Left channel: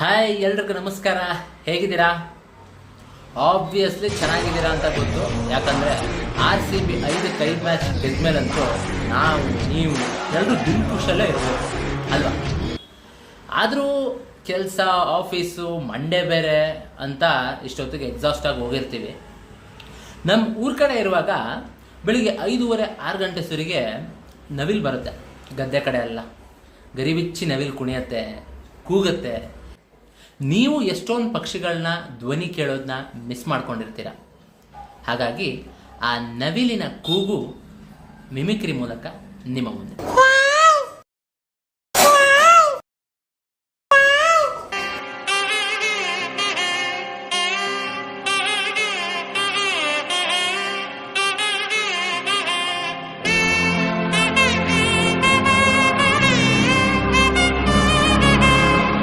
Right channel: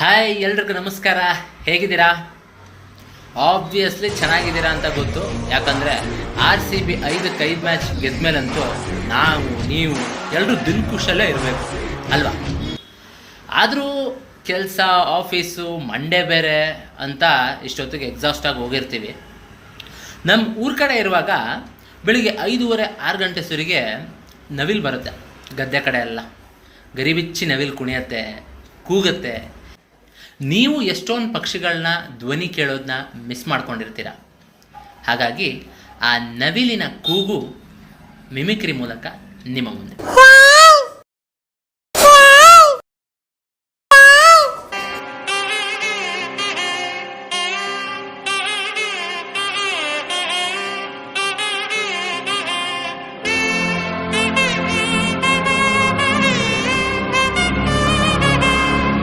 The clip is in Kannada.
ಹಾಯ್ ಎಲ್ರಿಗೂ ನಮಸ್ಕಾರ. ಹೇಗಿದ್ದೀರಾ? ಆಬ್ವಿಯಸ್ಲಿ ಚೆನ್ನಾಗಿದ್ದೀರಾ ಅಂತ ಗೊತ್ತು. ಯಾಕಂದರೆ RCB 5 ಮ್ಯಾಚ್ ಗೆದ್ಮೇಲಂತೂ ನೀವು ಎಲ್ಲರೂ ದಿಲ್ಖುಷಲ್ಲೇ ಇರಬೇಕು ಅಲ್ವಾ? ಆದರೂ ಕೆಲಸ, ಆಫೀಸು, ಮಂಡೇ ಬೇರೆ ಅಂತ ಇಷ್ಟೊತ್ತಿಗೆ ಎಕ್ಸಾಸ್ಟಾಗಿ ಹೋಗಿರ್ತೀವಿ. ನಮ್ಮ ಊರ ಕಡೆ ಇರುವಾಗ ಬೆಳಿಗ್ಗೆ 5:30-6 ಗಂಟೆ ಸುರಿಗೆ ನವಿಲು ಬರುತ್ತೆ. ಗದ್ದೆ ಕಡೆ ಎಲ್ಲ ಗರಿಬಿಚ್ಚಿ ನವಿಲು ಕುಣಿಯತ್ತೆ, ಕೂಗುತ್ತೆ. ನೀವು ಎಷ್ಟೊಂದು ಪಕ್ಷಿಗಳನ್ನ ಧ್ವನಿ ಕೇಳೋದನ್ನ ಮಿಸ್ ಮಾಡ್ಕೊಂಡಿರ್ತೀರ. ಹಾಗಾಗಿ ಆ ನವಿಲಿನ ಕೂಗು ಮಿಮಿಕ್ರಿ ಮೂಲಕ ನಿಮ್ಮ ಮುಂದೆ.